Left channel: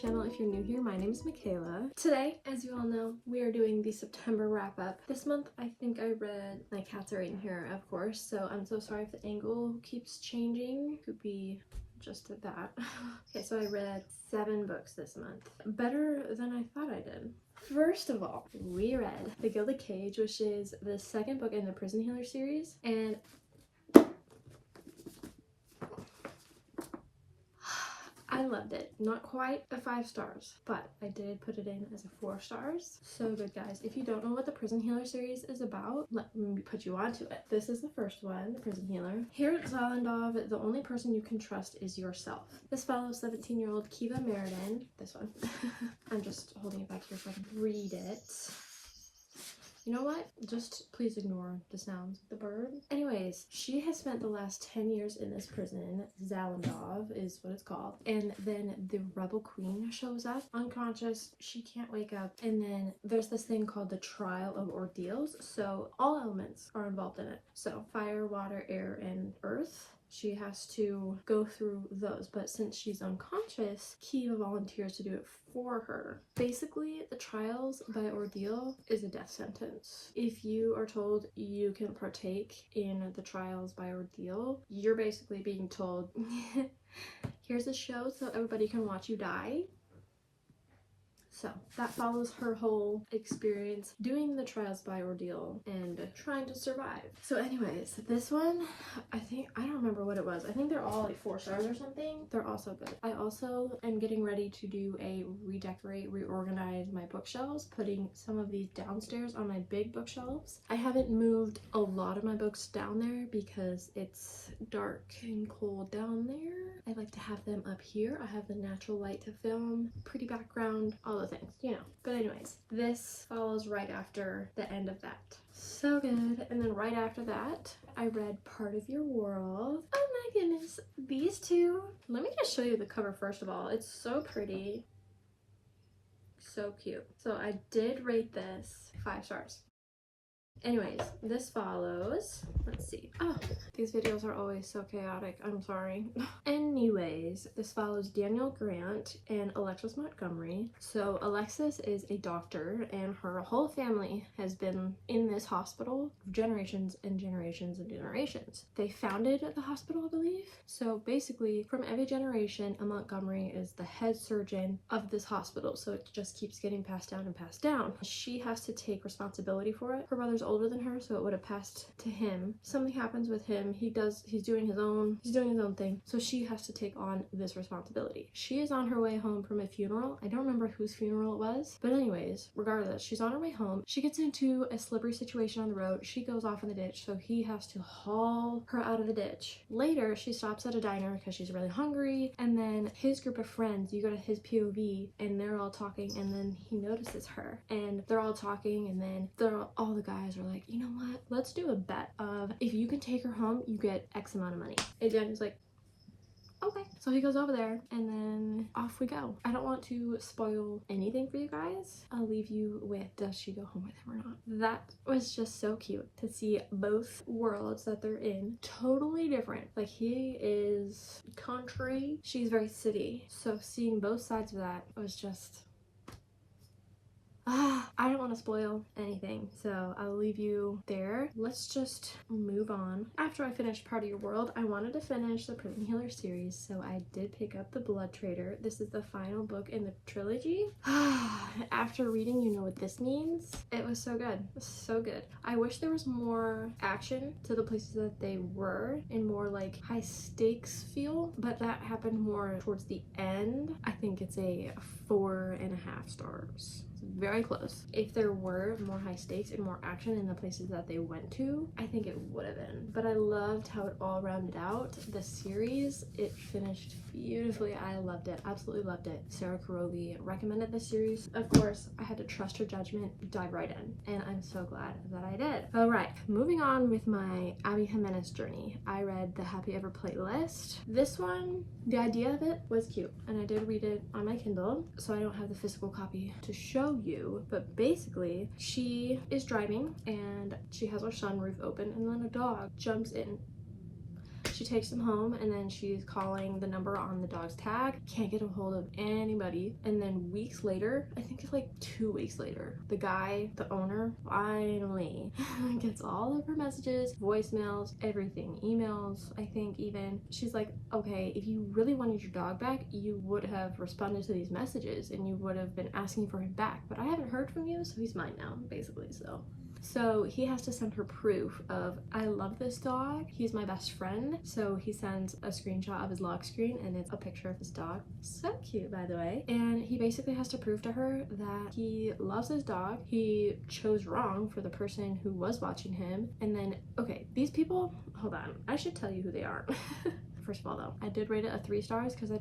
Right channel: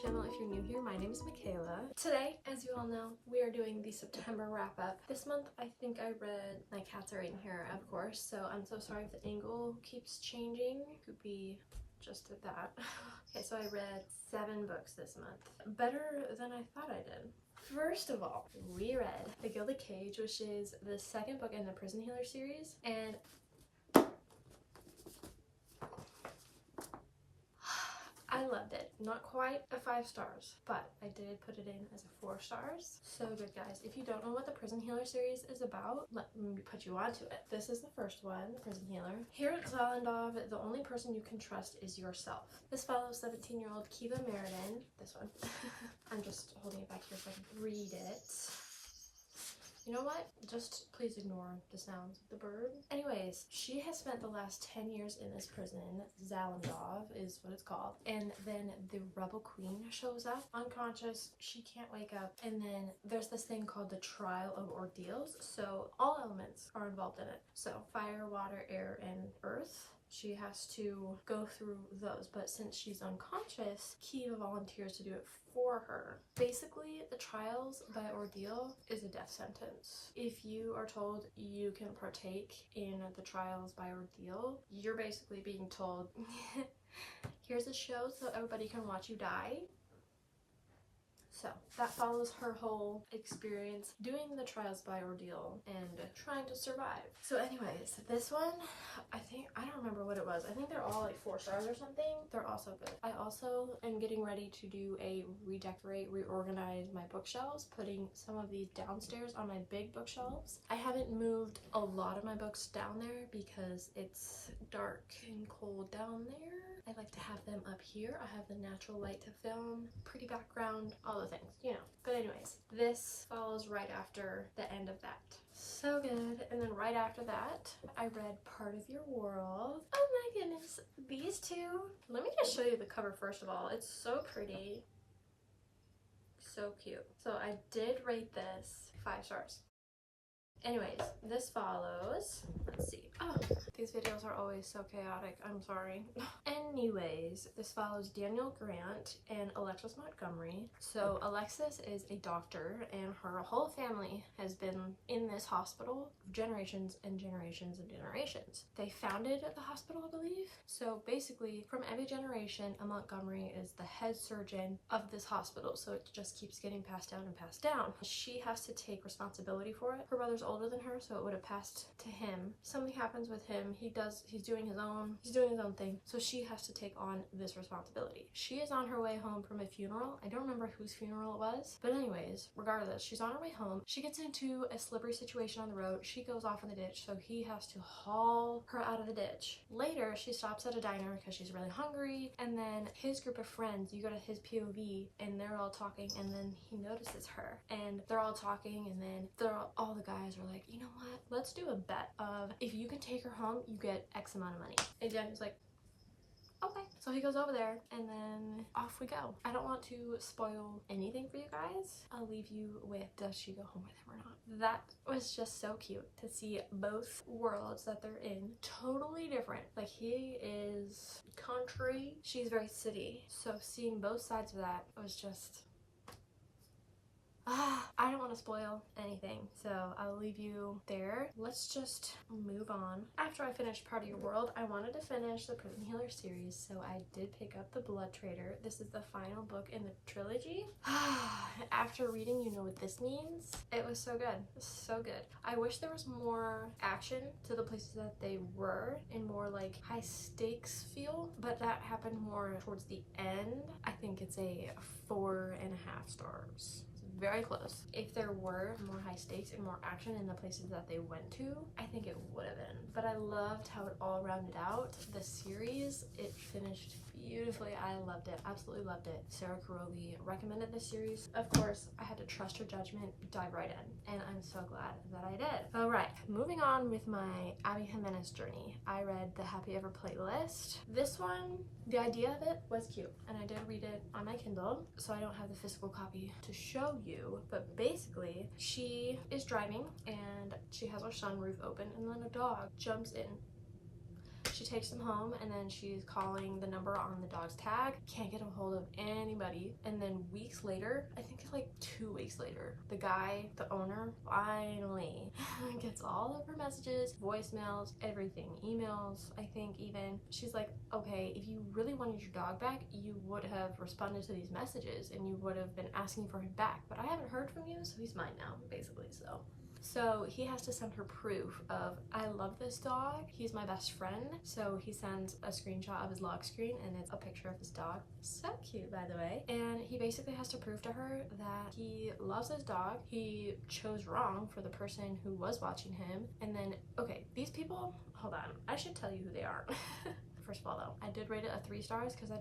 channel. If you're new here, my name is Michaela. Today, as you all know, we are doing the September wrap up. This month, I think I read, my cats are in here, of course, so I'm so sorry if the angle keeps changing. Could be just that. Okay, so I read 7 books this month. Better than I thought I did. First of all, we read The Gilded Cage, which is the second book in the Prison Healer series, and I loved it. Not quite a 5 stars, but I did put it in as a 4 stars. So good, guys. If you don't know what the Prison Healer series is about, let me put you onto it. This is the first one, the Prison Healer. Here at Zalandov, the only person you can trust is yourself. This follows 17-year-old Kiva Meriden. This one. I'm just holding it back here so I can read it. You know what? Just please ignore the sounds of the bird. Anyways, she has spent the last 10 years in this prison. Zalandov is what it's called. And then the rebel queen shows up, unconscious. She can't wake up. And then there's this thing called the trial of ordeals. So all elements are involved in it. So fire, water, air, and earth. She has to go through those, but since she's unconscious, Kiva volunteers to do it for her. Basically, the trials by ordeal is a death sentence. If you are told you can partake in the trials by ordeal, you're basically being told, here's a show so everybody can watch you die. So that follows her whole experience doing the trials by ordeal and trying to survive. So anyways, this one, I don't remember what it was. I think they're all like 4 stars or something. They're all so good. I also am getting ready to do a reorganize my bookshelves, putting some of these downstairs on my big bookshelves. I haven't moved a lot of my books down there because it's dark and cold down there. I like to have them up here. I have the natural light to film, pretty background, all the things, you know. But anyways, this follows right after the end of that. So good. And then right after that, I read Part of Your World. Oh my goodness, these two. Let me just show you the cover first of all. It's so pretty. So cute. So I did rate this 5 stars. Anyways, this follows, let's see. Oh, these videos are always so chaotic. I'm sorry. Anyways, this follows Daniel Grant and Alexis Montgomery. So Alexis is a doctor and her whole family has been in this hospital for generations and generations and generations. They founded the hospital, I believe. So basically, from every generation, a Montgomery is the head surgeon of this hospital. So it just keeps getting passed down and passed down. She has to take responsibility for it. Her brother's older than her, so it would have passed to him. Something happens with him. He's doing his own thing. So she has to take on this responsibility. She is on her way home from a funeral. I don't remember whose funeral it was, but anyways, regardless, she's on her way home. She gets into a slippery situation on the road. She goes off in the ditch, so he has to haul her out of the ditch. Later, she stops at a diner because she's really hungry, and then his group of friends, you go to his POV, and they're all talking, and then he notices her, and they're all talking, and then all the guys are like, you know what, let's do a bet of if you can take her home, you get X amount of money. And Daniel's like, okay. So he goes over there and then off we go. I don't want to spoil anything for you guys. I'll leave you with, does she go home with him or not? That was just so cute to see both worlds that they're in. Totally different. Like, he is country, she's very city. So seeing both sides of that was just, I don't want to spoil anything, so I'll leave you there. Let's just move on. After I finished Part of Your World, I wanted to finish the Prison Healer series, so I did pick up The Blood Trader. This is the final book in the trilogy. After reading, you know what this means. It was so good. So good. I wish there was more action to the places that they were and more like high stakes feel, but that happened more towards the end. I think it's a 4.5 stars. Very close. If there were more high stakes and more action in the places that they went to, I think it would have been. But I loved how it all rounded out. The series, it finished beautifully. I loved it. Absolutely loved it. Sarah Caroli recommended this series. Of course, I had to trust her judgment, dive right in, and I'm so glad that I did. All right, moving on with my Abby Jimenez journey. I read the Happy Ever playlist. This one, the idea of it was cute, and I did read it on my Kindle, so I don't have the physical copy to show you, but basically she is driving and she has her sunroof open and then a dog jumps in. She She takes him home, and then she's calling the number on the dog's tag. Can't get a hold of anybody. And then weeks later, I think it's like 2 weeks later, the guy, the owner, finally gets all of her messages, voicemails, everything, emails, I think even. She's like, okay, if you really wanted your dog back, you would have responded to these messages and you would have been asking for him back. But I haven't heard from you, so he's mine now, basically. So he has to send her proof of, I love this dog, he's my best friend. So he sends a screenshot of his lock screen, and it's a picture of his dog. So cute, by the way. And he basically has to prove to her that he loves his dog. He chose wrong for the person who was watching him. And then, okay, these people, hold on, I should tell you who they are. First of all, though, I did rate it a 3 stars because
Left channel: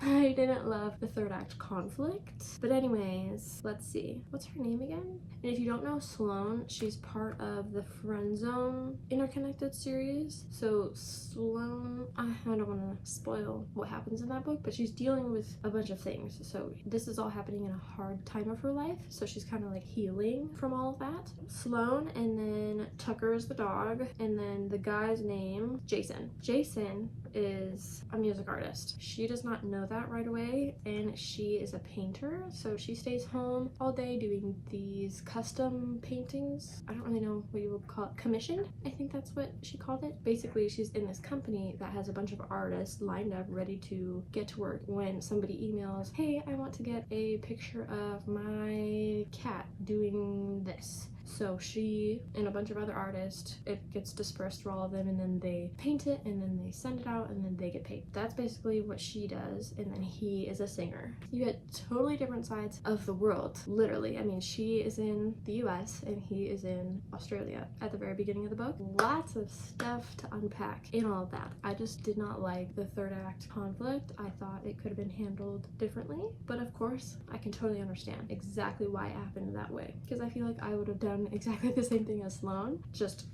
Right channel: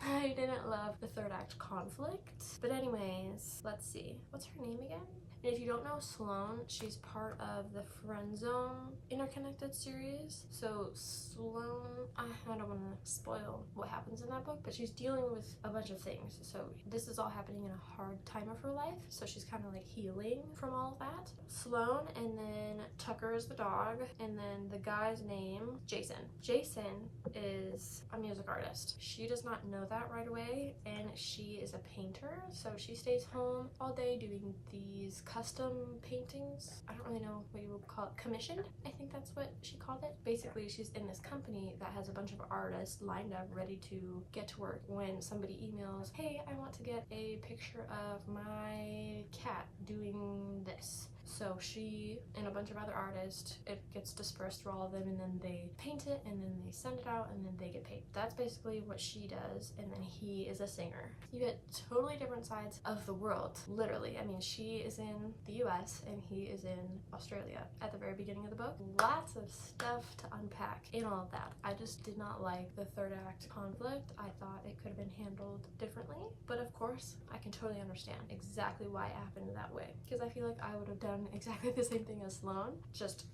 I didn't love the third act conflict. But anyways, let's see. What's her name again? And if you don't know Sloane, she's part of the Friend Zone Interconnected series. So Sloane, I don't want to spoil what happens in that book, but she's dealing with a bunch of things. So this is all happening in a hard time of her life. So she's kind of like healing from all of that. Sloane, and then Tucker is the dog, and then the guy's name, Jason. Jason is a music artist. She does not know that right away, and she is a painter. So she stays home all day doing these custom paintings. I don't really know what you would call it. Commissioned? I think that's what she called it. Basically, she's in this company that has a bunch of artists lined up ready to get to work when somebody emails, hey, I want to get a picture of my cat doing this. So she and a bunch of other artists, it gets dispersed through all of them, and then they paint it, and then they send it out, and then they get paid. That's basically what she does, and then he is a singer. You get totally different sides of the world, literally. I mean, she is in the US and he is in Australia at the very beginning of the book. Lots of stuff to unpack in all of that. I just did not like the third act conflict. I thought it could have been handled differently, but of course, I can totally understand exactly why it happened that way, because I feel like I would have done exactly the same thing as Sloane, just,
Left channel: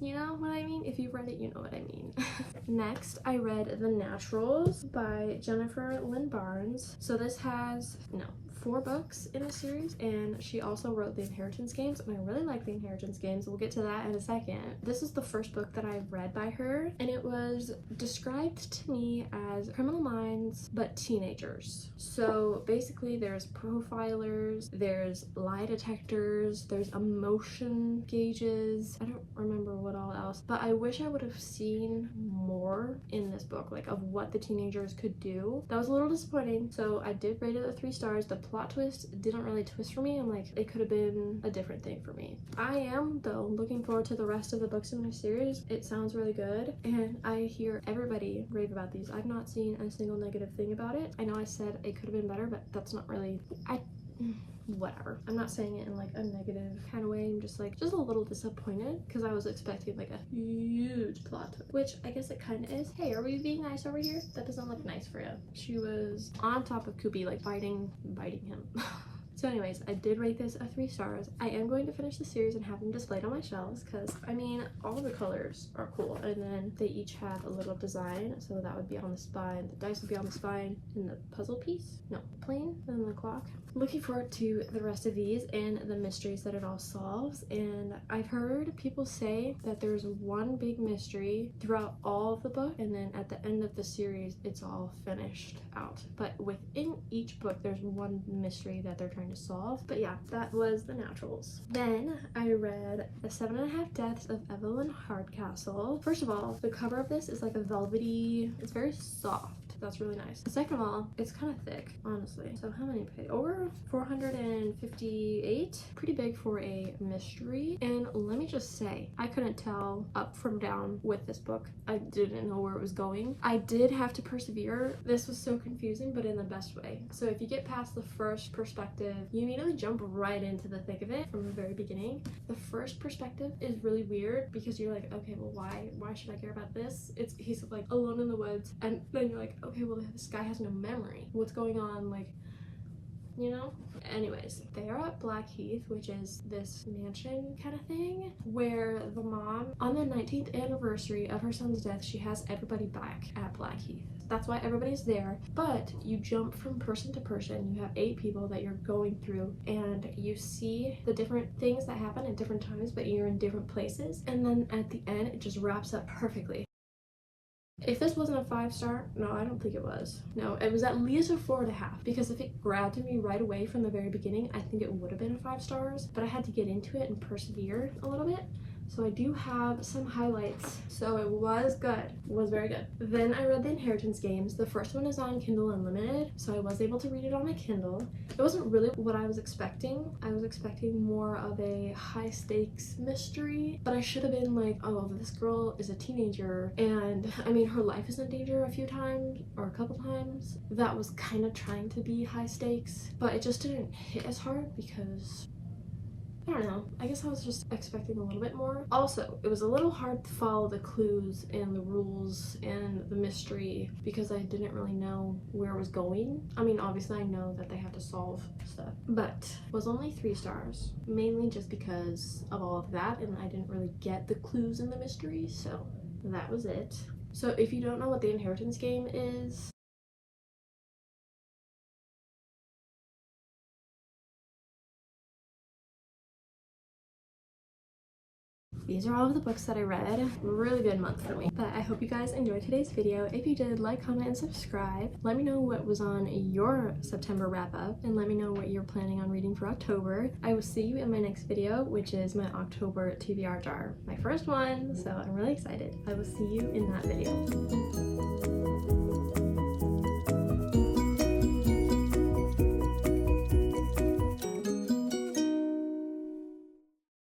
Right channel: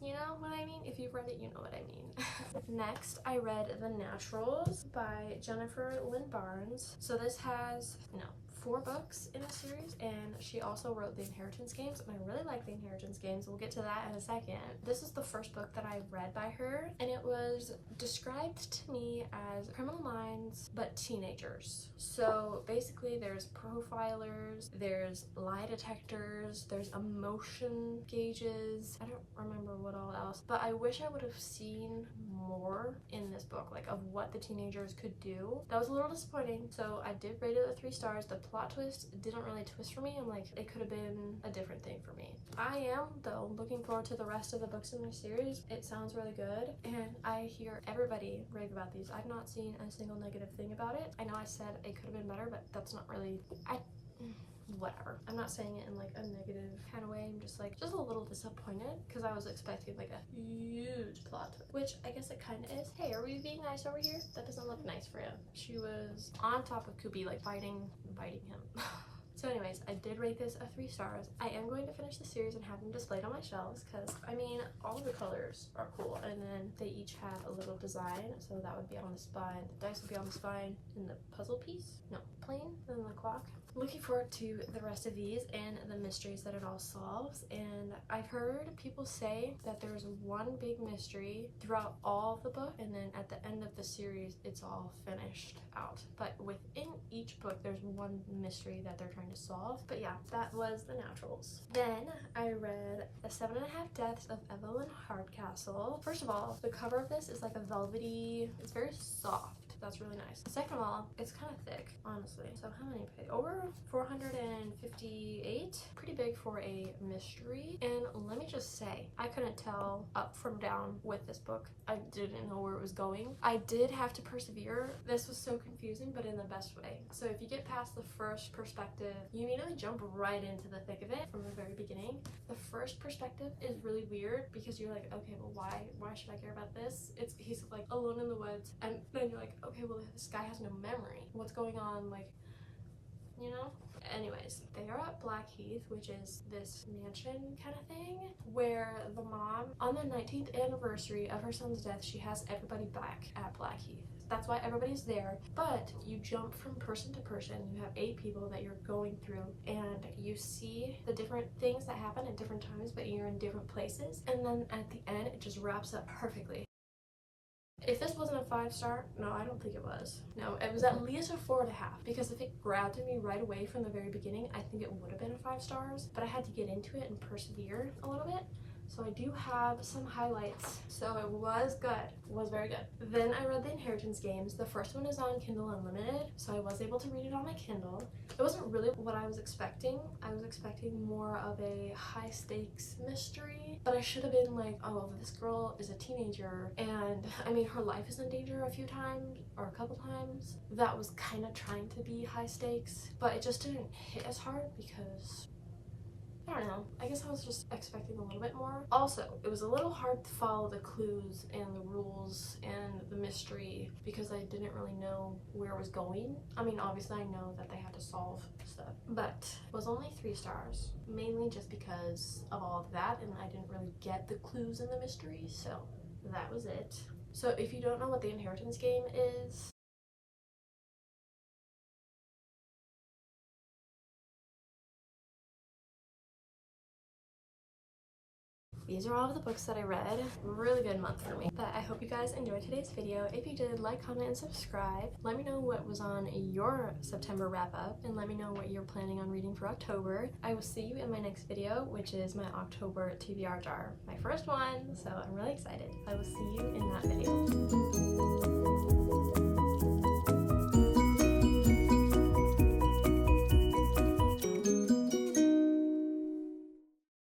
you know what I mean? If you've read it, you know what I mean. Next, I read The Naturals by Jennifer Lynn Barnes. So this has, 4 books in the series, and she also wrote The Inheritance Games, and I really like The Inheritance Games. We'll get to that in a second. This is the first book that I've read by her, and it was described to me as Criminal Minds but teenagers. So basically there's profilers, there's lie detectors, there's emotion gauges. I don't remember what all else, but I wish I would have seen more in this book, like of what the teenagers could do. That was a little disappointing, so I did rate it a 3 stars. The plot twist didn't really twist for me. I'm like, it could have been a different thing for me. I am, though, looking forward to the rest of the books in this series. It sounds really good, and I hear everybody rave about these. I've not seen a single negative thing about it. I know I said it could have been better, but that's not really, whatever. I'm not saying it in like a negative kind of way. I'm just like, just a little disappointed because I was expecting like a huge plot twist, which I guess it kind of is. Hey, are we being nice over here? That doesn't look nice for you. She was on top of Koopy, like biting him. So anyways, I did rate this a 3 stars. I am going to finish the series and have them displayed on my shelves because, I mean, all the colors are cool. And then they each have a little design. So that would be on the spine. The dice would be on the spine. And the puzzle piece? No, plain. And then the clock. Looking forward to the rest of these and the mysteries that it all solves. And I've heard people say that there's one big mystery throughout all of the book, and then at the end of the series it's all finished out. But within each book there's one mystery that they're trying to solve. But yeah, that was The Naturals. Then I read The 7.5 Deaths of Evelyn Hardcastle. First of all, the cover of this is like a velvety, it's very soft. That's really nice. Second of all, it's kind of thick, honestly. So how many pages? Over 458. Pretty big for a mystery. And let me just say, I couldn't tell up from down with this book. I didn't know where it was going. I did have to persevere. This was so confusing, but in the best way. So if you get past the first perspective, you immediately jump right into the thick of it from the very beginning. The first perspective is really weird because you're like, okay, well, why should I care about this? He's like alone in the woods, and then you're like, okay, well, this guy has no memory. What's going on? Like, you know? Anyways, they are at Blackheath, which is this mansion kind of thing, where the mom, on the 19th anniversary of her son's death, she has everybody back at Blackheath. That's why everybody's there, but you jump from person to person. You have 8 people that you're going through, and you see the different things that happen at different times, but you're in different places, and then at the end, it just wraps up perfectly. If this wasn't a 5-star, no, I don't think it was. No, it was at least a 4.5, because if it grabbed me right away from the very beginning, I think it would have been 5 stars, but I had to get into it and persevere a little bit. So I do have some highlights. So it was good. It was very good. Then I read The Inheritance Games. The first one is on Kindle Unlimited, so I was able to read it on my Kindle. It wasn't really what I was expecting. I was expecting more of a high stakes mystery, but I should have been like, oh, this girl is a teenager, and I mean, her life is in danger a few times, or a couple times. That was kind of trying to be high stakes, but it just didn't hit as hard because I don't know. I guess I was just expecting a little bit more. Also, it was a little hard to follow the clues and the rules and the mystery because I didn't really know where it was going. I mean, obviously I know that they have to solve stuff, but it was only 3 stars, mainly just because of all of that, and I didn't really get the clues in the mystery, so that was it. So if you don't know what The Inheritance Game is, these are all of the books that I read. Really good month for me. But I hope you guys enjoyed today's video. If you did, like, comment, and subscribe. Let me know what was on your September wrap up, and let me know what you're planning on reading for October. I will see you in my next video, which is my October TBR jar. My first one, so I'm really excited. I will see you in that video.